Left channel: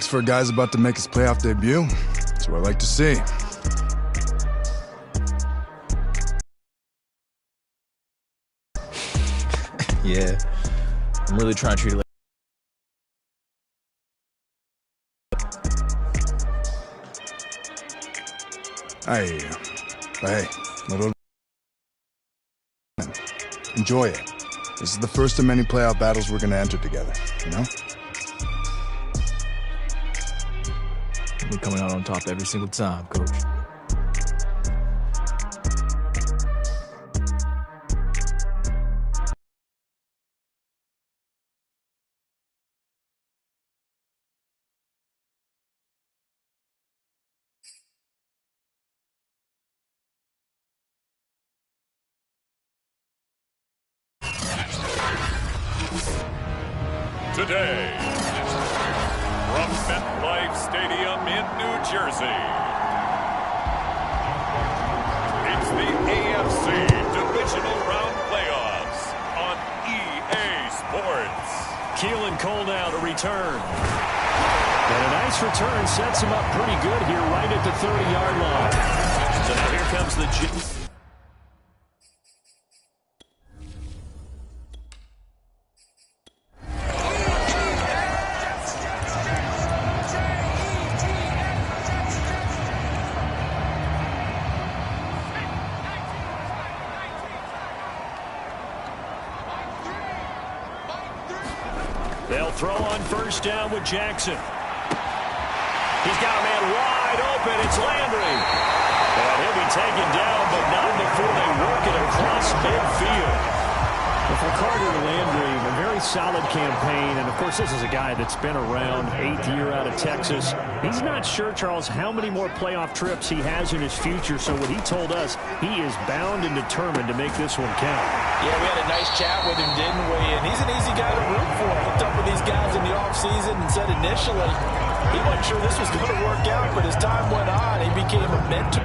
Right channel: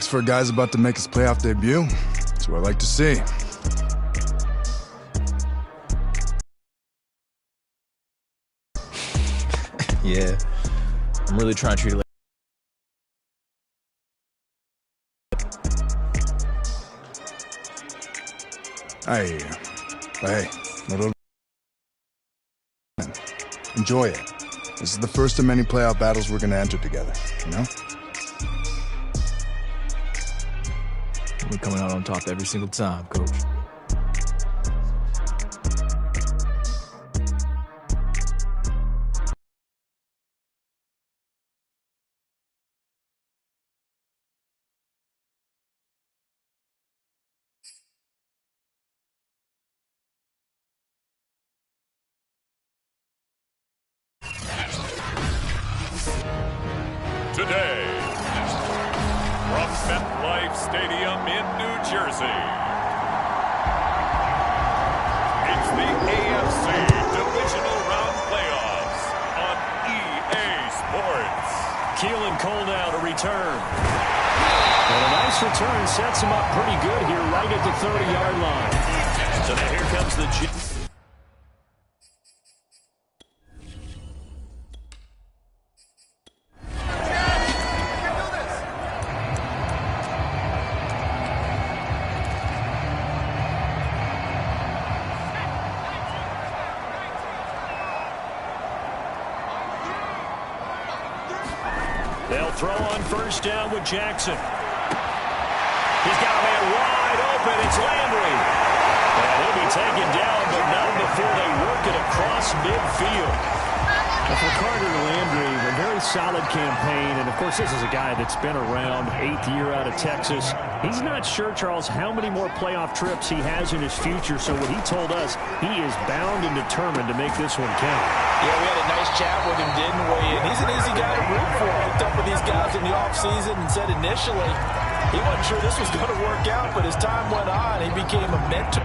For a guy's about to make his playoff debut. That's what I like to see. Yeah, I'm really trying to treat it like. Hey, little. Enjoy it. This is the first of many playoff battles we're gonna enter together, you know? We're coming out on top every single time, Coach. Today, from MetLife Stadium in New Jersey, it's the AFC Divisional Round Playoffs on EA Sports. Keelan Cole now to return. And a nice return sets him up pretty good here right at the 30-yard line. So now here comes the... They'll throw on first down with Jackson. He's got a man wide open. It's Landry. And he'll be taken down, but not before they work it across midfield. Well, for Carter Landry, a very solid campaign. And, of course, this is a guy that's been around, 8th year out of Texas. He's not sure, Charles, how many more playoff trips he has in his future. So what he told us, he is bound and determined to make this one count. Yeah, we had a nice chat with him, didn't we? And he's an easy guy to root for. Hooked up with these guys in the offseason and said initially he wasn't sure this was going to work out, but as time went on, he became a mentor.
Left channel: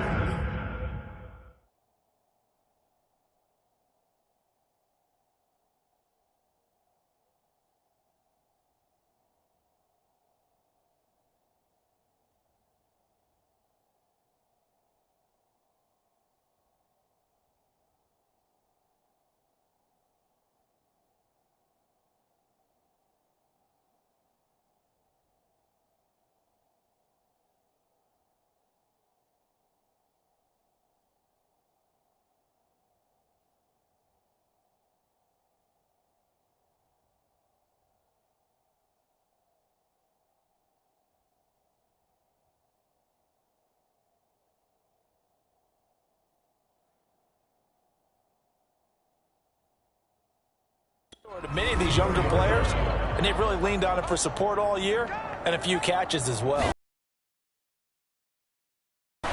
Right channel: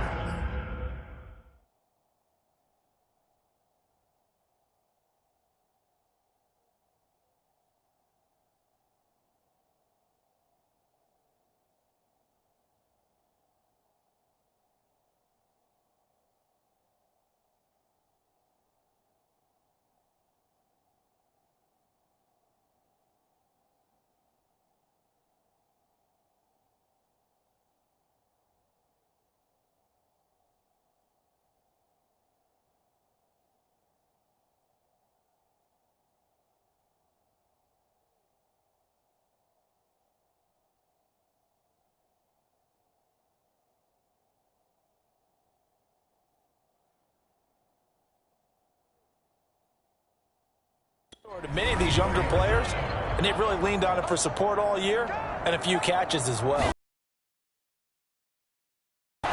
To many of these younger players, and they've really leaned on it for support all year and a few catches as well. And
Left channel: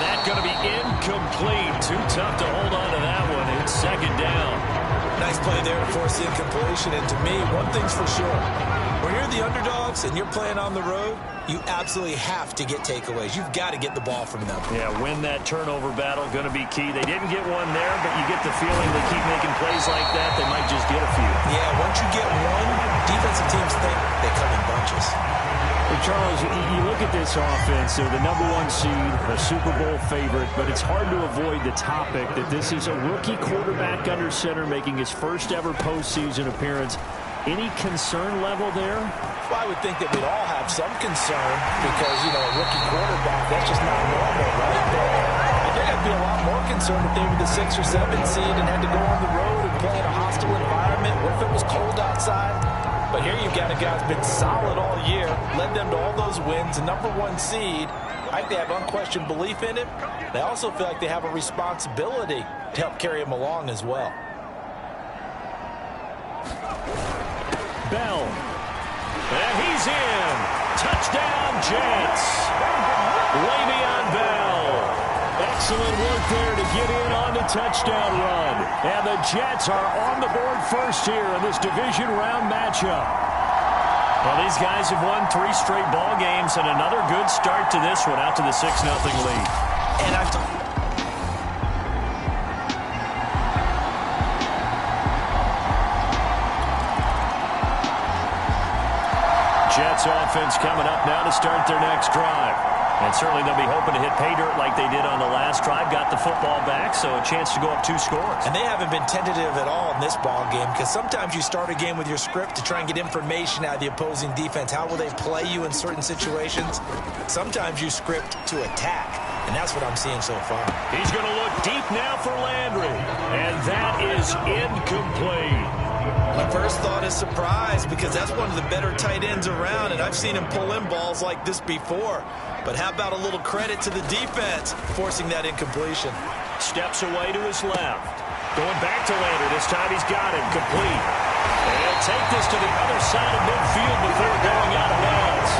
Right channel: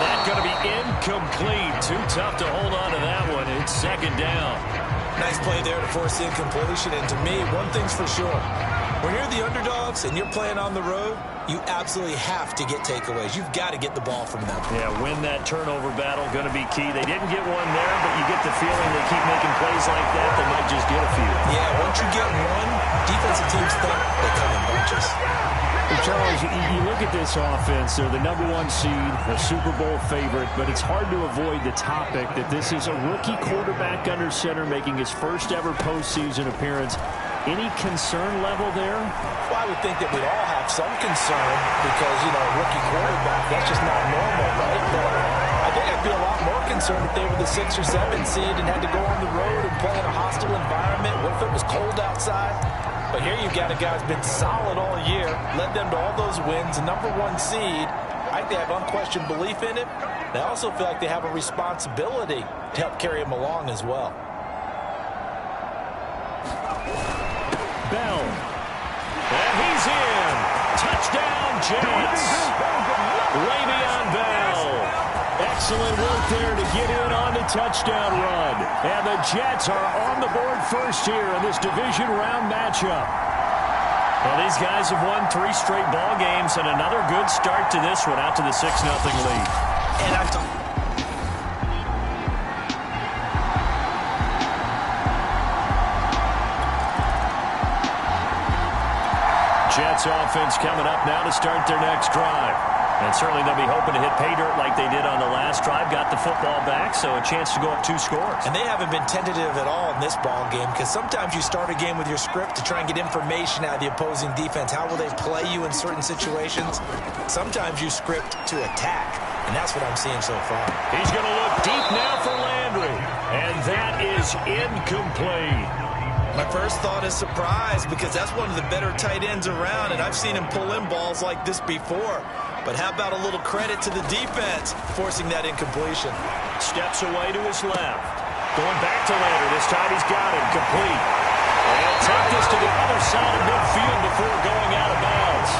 that's going to be incomplete. Too tough to hold on to that one. It's second down. Nice play there to force the incompletion. And to me, one thing's for sure. When you're the underdogs and you're playing on the road, you absolutely have to get takeaways. You've got to get the ball from them. Yeah, win that turnover battle, going to be key. They didn't get one there, but you get the feeling they keep making plays like that, they might just get a few. Yeah, once you get one, defensive teams think they come in bunches. Hey, Charles, you look at this offense, they're the #1 seed, a Super Bowl favorite, but it's hard to avoid the topic that this is a rookie quarterback under center making his first ever postseason appearance. Any concern level there? Well, I would think that we'd all have some concern because, you know, a rookie quarterback, that's just not normal, right? But I think I'd be a lot more concerned if they were the 6 or 7 seed and had to go on the road and play in a hostile environment. What if it was cold outside? But here you've got a guy who's been solid all year, led them to all those wins, a #1 seed. I think they have unquestioned belief in it. They also feel like they have a responsibility to help carry him along as well. Bell. And he's in. Touchdown, Jets. Le'Veon Bell. Excellent work there to get in on the touchdown run. And the Jets are on the board first here in this division round matchup. Well, these guys have won 3 straight ball games and another good start to this one out to the 6-0 lead. And I've Jets offense coming up now to start their next drive. And certainly they'll be hoping to hit pay dirt like they did on the last drive. Got the football back, so a chance to go up 2 scores. And they haven't been tentative at all in this ball game, because sometimes you start a game with your script to try and get information out of the opposing defense. How will they play you in certain situations? Sometimes you script to attack, and that's what I'm seeing so far. He's going to look deep now for Landry, and that is incomplete. My first thought is surprise, because that's one of the better tight ends around, and I've seen him pull in balls like this before. But how about a little credit to the defense forcing that incompletion? Steps away to his left. Going back to Landry. This time he's got it. Complete. And take this to the other side of midfield before going out of bounds.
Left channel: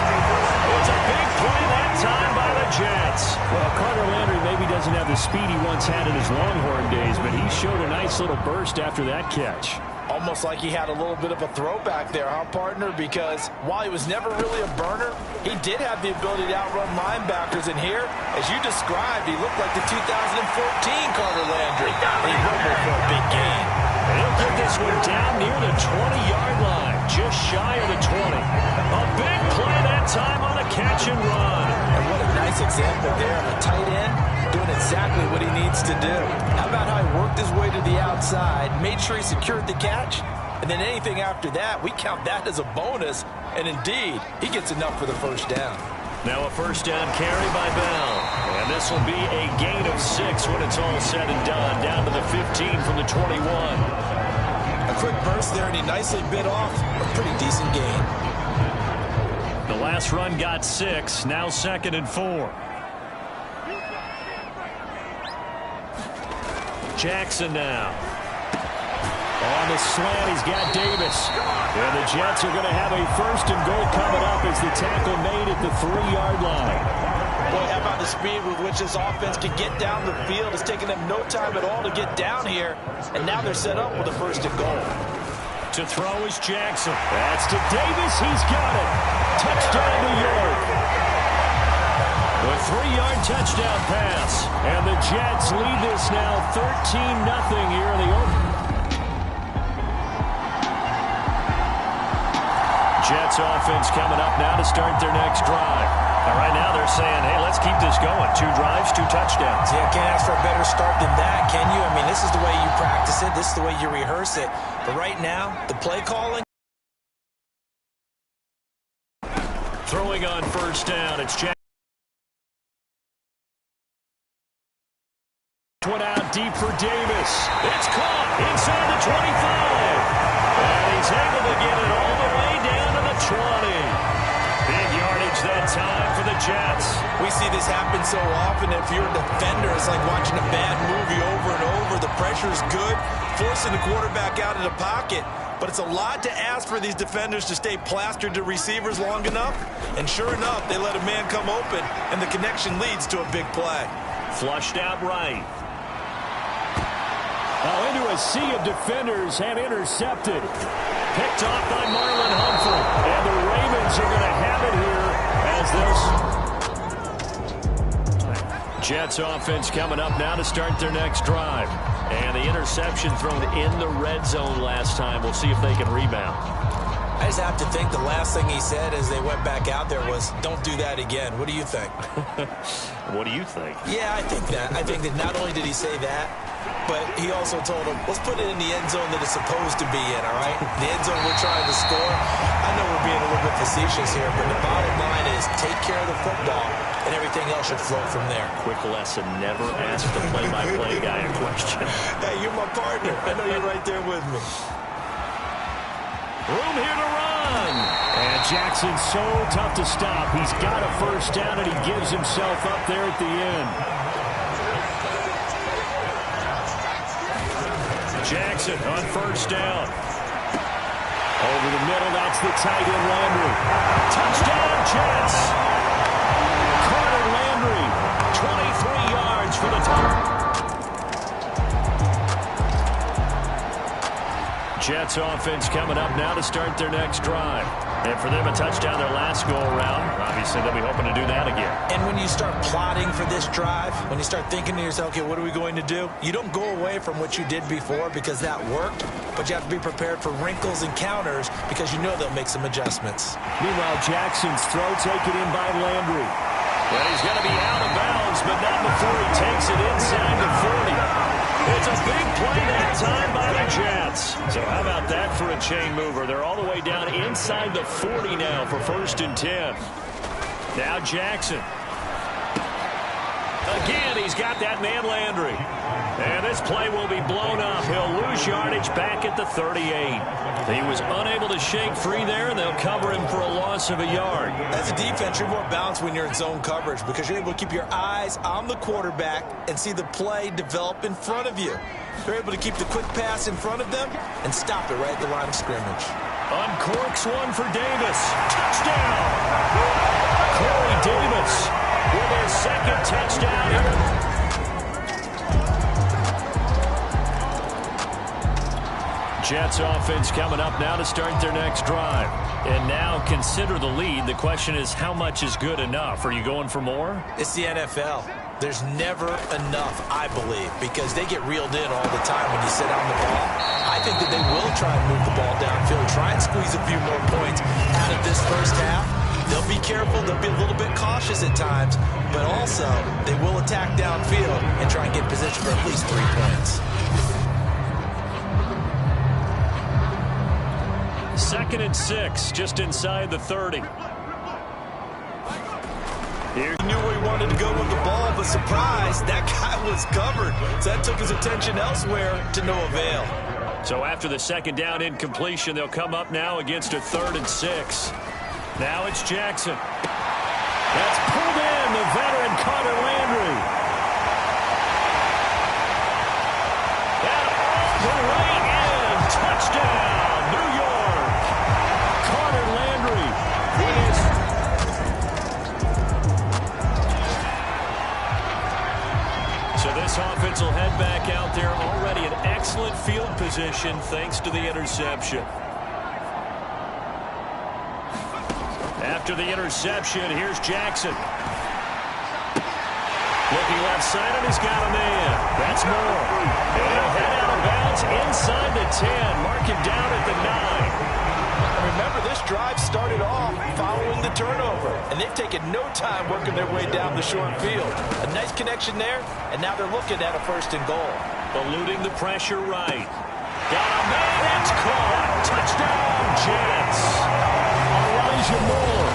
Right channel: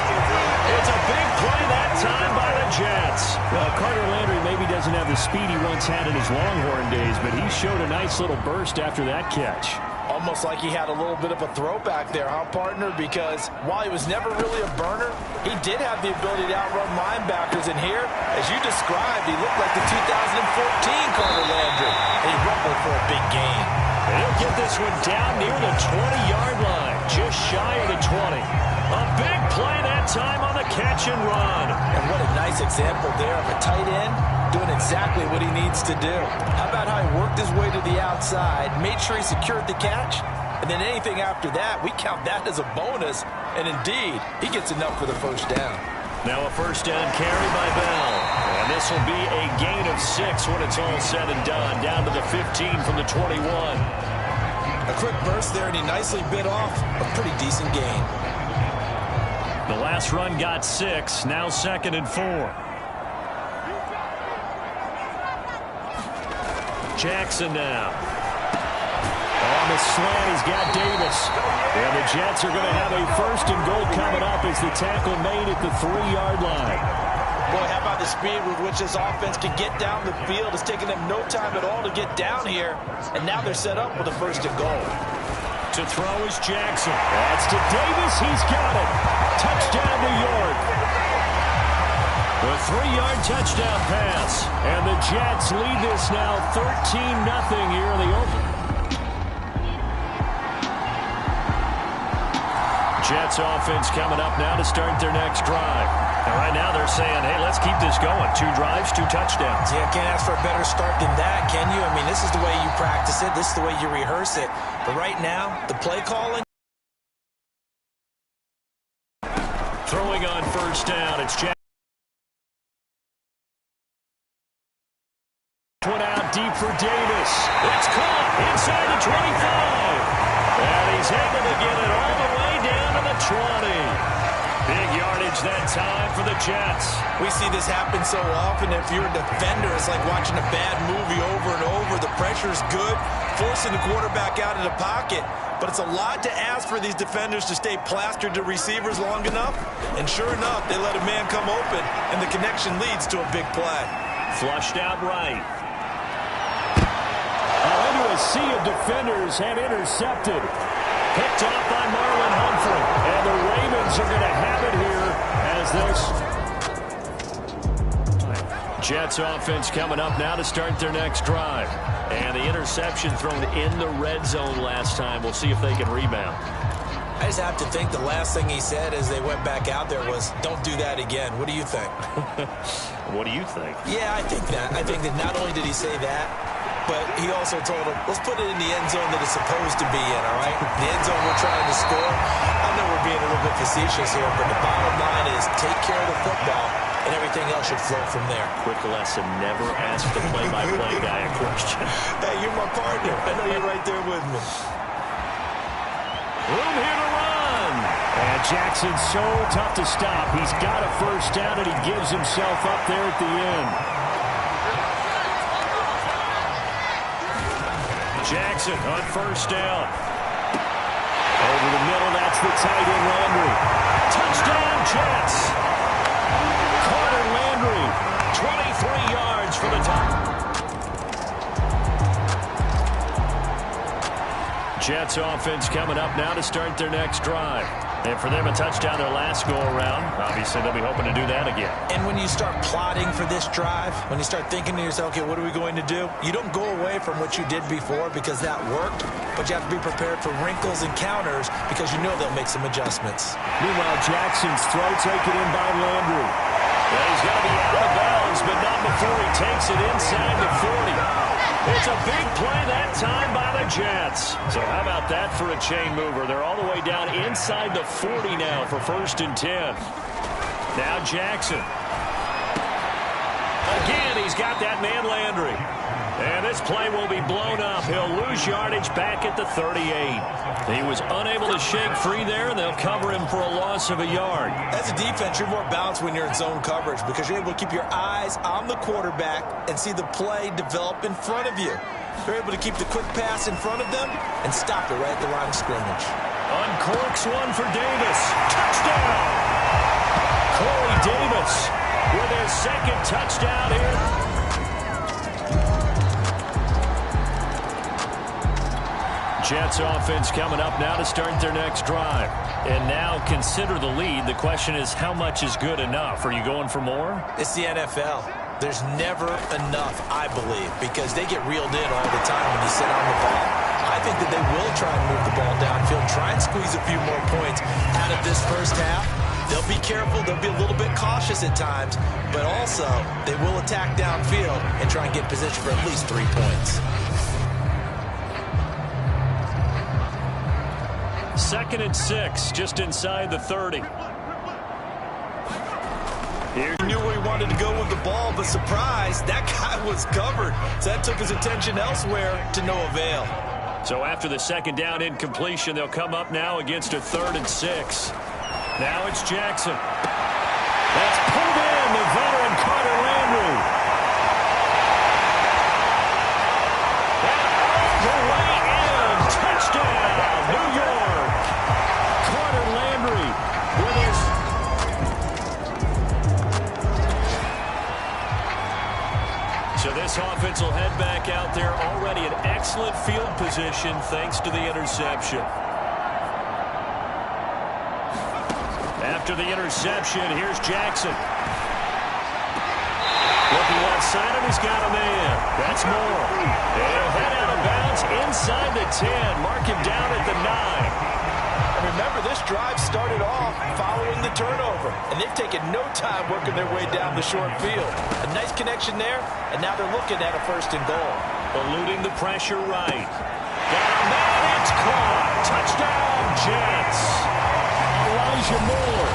It's a big play that time by the Jets. Well, Carter Landry maybe doesn't have the speed he once had in his Longhorn days, but he showed a nice little burst after that catch. Almost like he had a little bit of a throwback there, huh, partner? Because while he was never really a burner, he did have the ability to outrun linebackers. And here, as you described, he looked like the 2014 Carter Landry. And he rumbled for a big gain. And he'll get this one down near the 20-yard line, just shy of the 20. A big play that time on the catch and run. And what a nice example there of a tight end doing exactly what he needs to do. How about how he worked his way to the outside, made sure he secured the catch, and then anything after that, we count that as a bonus. And indeed, he gets enough for the first down. Now a first down carry by Bell. And this will be a gain of 6 when it's all said and done. Down to the 15 from the 21. A quick burst there, and he nicely bit off a pretty decent gain. The last run got 6. Now 2nd and 4. Jackson now. On the slant, he's got Davis. And the Jets are going to have a 1st and goal coming up as the tackle made at the 3-yard line. Boy, how about the speed with which this offense can get down the field? It's taken them no time at all to get down here. And now they're set up with a 1st and goal. To throw is Jackson. That's to Davis. He's got it. Touchdown, New York. The 3-yard touchdown pass. And the Jets lead this now 13-0 here in the open. Jets offense coming up now to start their next drive. Now right now they're saying, hey, let's keep this going. 2 drives, 2 touchdowns. Yeah, can't ask for a better start than that, can you? I mean, this is the way you practice it. This is the way you rehearse it. But right now, the play calling. Throwing on first down, it's Jackson. One out deep for Davis. It's caught inside the 25. And he's able to get it all the way down to the 20. Big yardage that time for the Jets. We see this happen so often. If you're a defender, it's like watching a bad movie over and over. The pressure's good, forcing the quarterback out of the pocket. But it's a lot to ask for these defenders to stay plastered to receivers long enough. And sure enough, they let a man come open, and the connection leads to a big play. Flushed out right. Into a sea of defenders and intercepted. Picked off by Marlon Humphrey. And the Ravens are going to have it here as they'll... Jets offense coming up now to start their next drive. And the interception thrown in the red zone last time. We'll see if they can rebound. I just have to think the last thing he said as they went back out there was, don't do that again. What do you think? What do you think? Yeah, I think that. I think that not only did he say that, but he also told him, let's put it in the end zone that it's supposed to be in, all right? The end zone we're trying to score. I know we're being a little bit facetious here, but the bottom line is take care of the football, and everything else should flow from there. Quick lesson, never ask the play-by-play guy a question. Hey, you're my partner. I know you're right there with me. Room here to run. And Jackson's so tough to stop. He's got a first down, and he gives himself up there at the end. Jackson on first down. Over the middle, that's the tight end Landry. Touchdown, Jets. Carter Landry, 23 yards for the touchdown. Jets offense coming up now to start their next drive. And for them, a touchdown their last go-around. Obviously, they'll be hoping to do that again. And when you start plotting for this drive, when you start thinking to yourself, okay, what are we going to do? You don't go away from what you did before because that worked, but you have to be prepared for wrinkles and counters because you know they'll make some adjustments. Meanwhile, Jackson's throw taken in by Landry. And he's going to be out of bounds, but not before he takes it inside the 40. It's a big play that time by the Jets. So how about that for a chain mover? They're all the way down inside the 40 now for 1st and 10. Now Jackson. Again, he's got that man Landry. And this play will be blown up. He'll lose yardage back at the 38. He was unable to shake free there, and they'll cover him for a loss of a yard. As a defense, you're more balanced when you're in zone coverage because you're able to keep your eyes on the quarterback and see the play develop in front of you. They're able to keep the quick pass in front of them and stop it right at the line of scrimmage. Uncorks one for Davis. Touchdown! Corey Davis with his 2nd touchdown here. Jets offense coming up now to start their next drive. And now consider the lead. The question is, how much is good enough? Are you going for more? It's the NFL. There's never enough, I believe, because they get reeled in all the time when you sit on the ball. I think that they will try and move the ball downfield, try and squeeze a few more points out of this first half. They'll be careful. They'll be a little bit cautious at times, but also they will attack downfield and try and get position for at least 3 points. 2nd and 6, just inside the 30. He knew where he wanted to go with the ball, but surprise, that guy was covered. So that took his attention elsewhere to no avail. So after the 2nd down incompletion, they'll come up now against a 3rd and 6. Now it's Jackson. That's pulled in, the veteran Carter Landry. And all the way in, touchdown, New York. Carter Landry with his... So this offense will head back out there, already in excellent field position thanks to the interception. After the interception, here's Jackson. Looking left side, and he's got a man. That's Moore. And he'll head out of bounds inside the 10. Mark him down at the 9. And remember, this drive started off following the turnover, and they've taken no time working their way down the short field. A nice connection there, and now they're looking at a 1st and goal. Eluding the pressure right. Got a man, it's caught. Touchdown, Jets. Elijah Moore.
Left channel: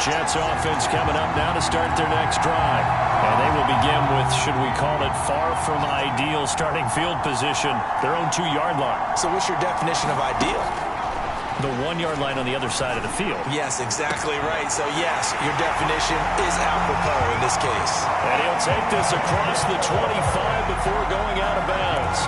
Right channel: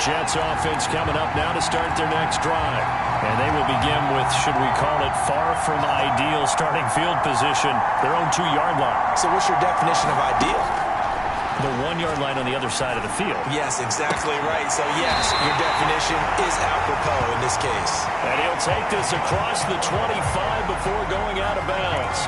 Jets offense coming up now to start their next drive. And they will begin with, should we call it, far from ideal starting field position, their own 2-yard line. So what's your definition of ideal? The 1-yard line on the other side of the field. Yes, exactly right. So, yes, your definition is apropos in this case. And he'll take this across the 25 before going out of bounds.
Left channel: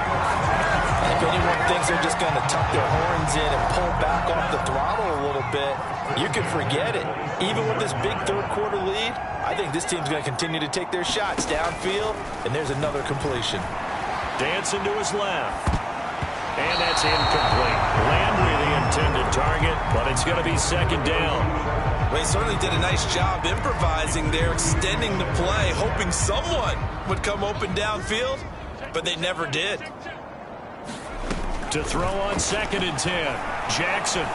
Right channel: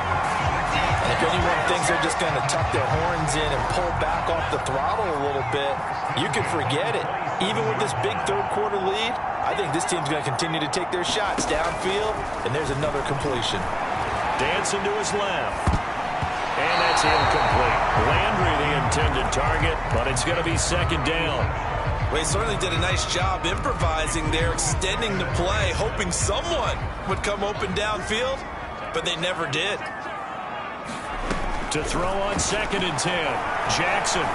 And if anyone thinks they're just going to tuck their horns in and pull back off the throttle a little bit, you can forget it. Even with this big 3rd quarter lead, I think this team's going to continue to take their shots downfield, and there's another completion. Dancing to his left. And that's incomplete. Landry the intended target, but it's going to be 2nd down. Well, he certainly did a nice job improvising there, extending the play, hoping someone would come open downfield, but they never did. To throw on 2nd and 10, Jackson.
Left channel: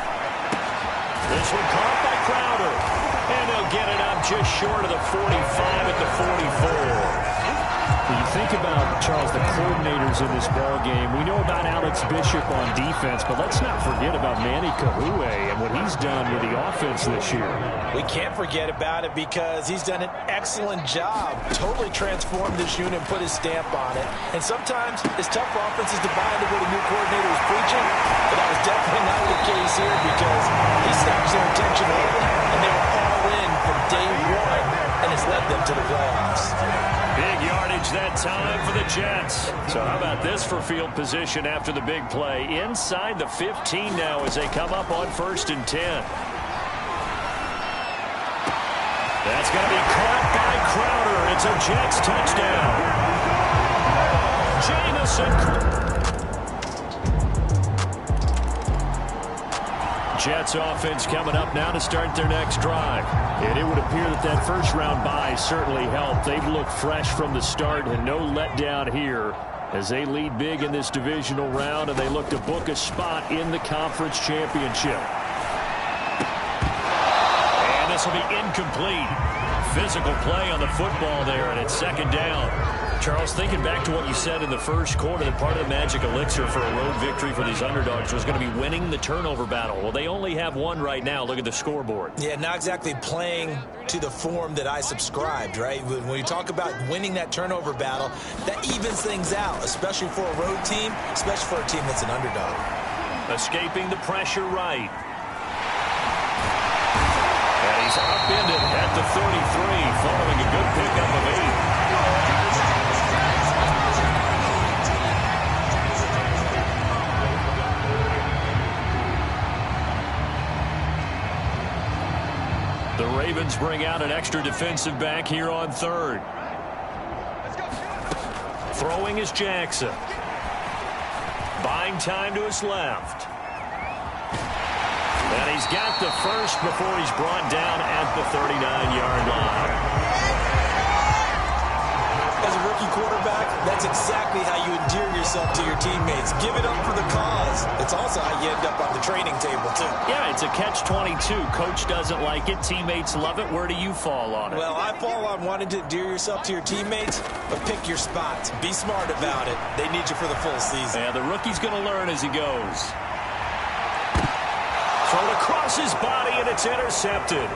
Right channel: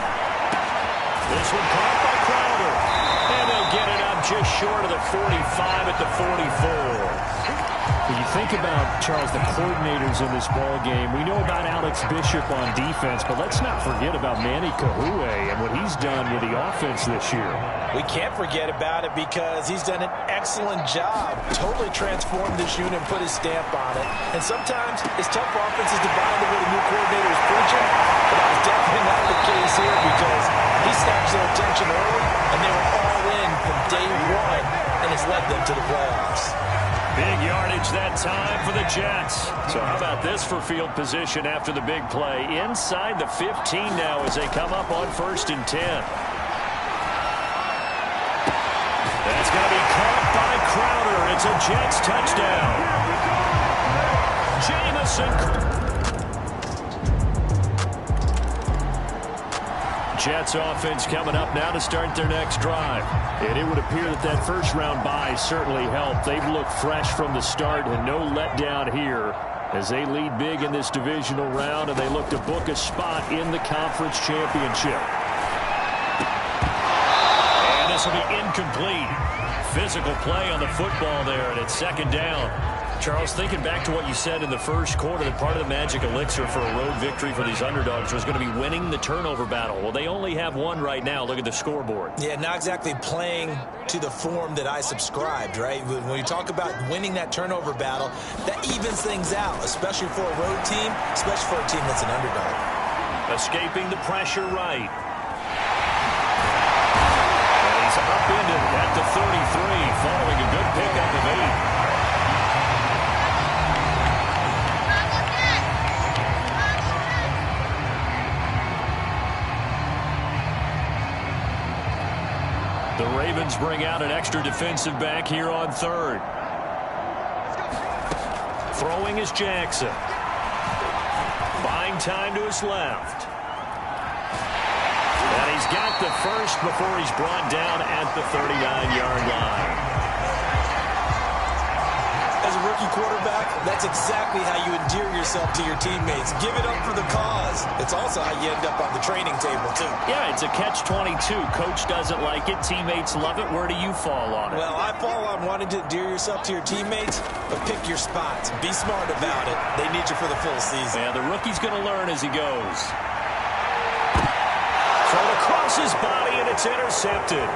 This one caught by Crowder. And they'll get it up just short of the 45 at the 44. When you think about, Charles, the coordinators in this ball game, we know about Alex Bishop on defense, but let's not forget about Manny Kahue and what he's done with the offense this year. We can't forget about it because he's done an excellent job, totally transformed this unit and put his stamp on it. And sometimes it's tough for offenses to buy into what a new coordinator is preaching, but that was definitely not the case here because he snatched their attention early, and they were all in from day one, and it's led them to the playoffs. Big yardage that time for the Jets. So how about this for field position after the big play? Inside the 15 now as they come up on 1st and 10. That's going to be caught by Crowder. It's a Jets touchdown. Jamison. Jets offense coming up now to start their next drive. And it would appear that that first-round bye certainly helped. They've looked fresh from the start and no letdown here as they lead big in this divisional round, and they look to book a spot in the conference championship. And this will be incomplete. Physical play on the football there, and it's second down. Charles, thinking back to what you said in the first quarter, that part of the magic elixir for a road victory for these underdogs was going to be winning the turnover battle. Well, they only have one right now. Look at the scoreboard. Yeah, not exactly playing to the form that I subscribed, right? When you talk about winning that turnover battle, that evens things out, especially for a road team, especially for a team that's an underdog. Escaping the pressure right. And he's upended at the 33, following a good pickup of 8. The Ravens bring out an extra defensive back here on third. Throwing is Jackson. Buying time to his left. And he's got the first before he's brought down at the 39-yard line. As a rookie quarterback, that's exactly how you endear yourself to your teammates. Give it up for the cause. It's also how you end up on the training table, too. Yeah, it's a catch-22. Coach doesn't like it. Teammates love it. Where do you fall on it? Well, I fall on wanting to endear yourself to your teammates, but pick your spots. Be smart about it. They need you for the full season. Yeah, the rookie's going to learn as he goes. Thrown across his body, and it's intercepted.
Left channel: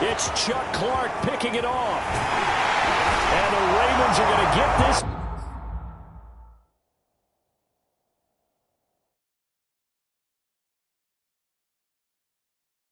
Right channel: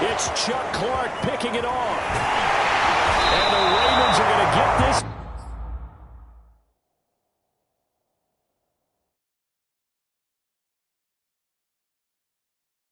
It's Chuck Clark picking it off. And the Ravens are going to get this